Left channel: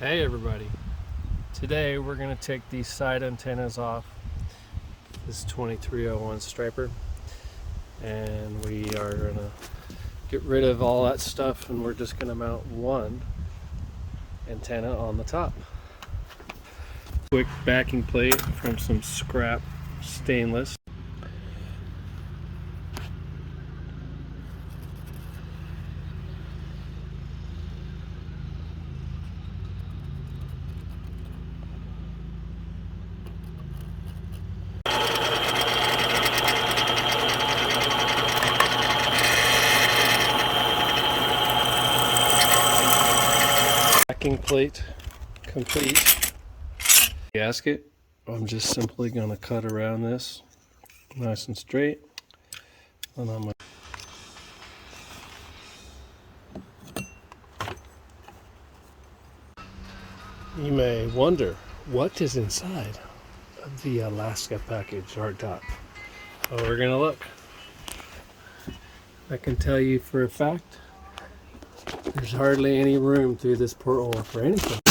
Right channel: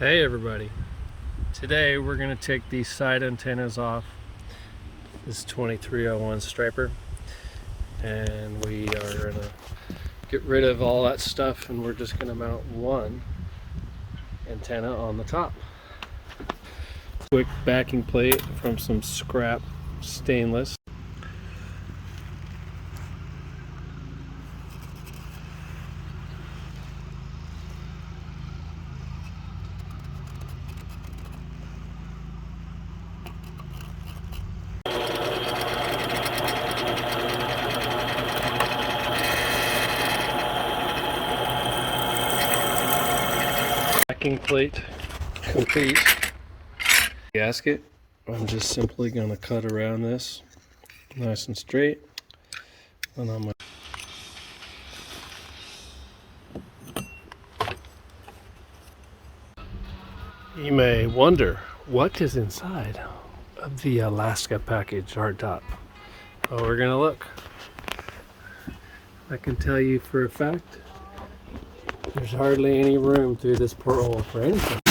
Hey everybody, today we're going to take these side antennas off this 2301 striper, and we are going to get rid of all that stuff, and we're just going to mount one antenna on the top. Quick backing plate from some scrap stainless. Backing plate complete. Gasket, I'm just simply going to cut around this nice and straight, and I'm going to... You may wonder what is inside of the Alaska package hardtop. Well, we're going to look. I can tell you for a fact there's hardly any room through this porthole for anything.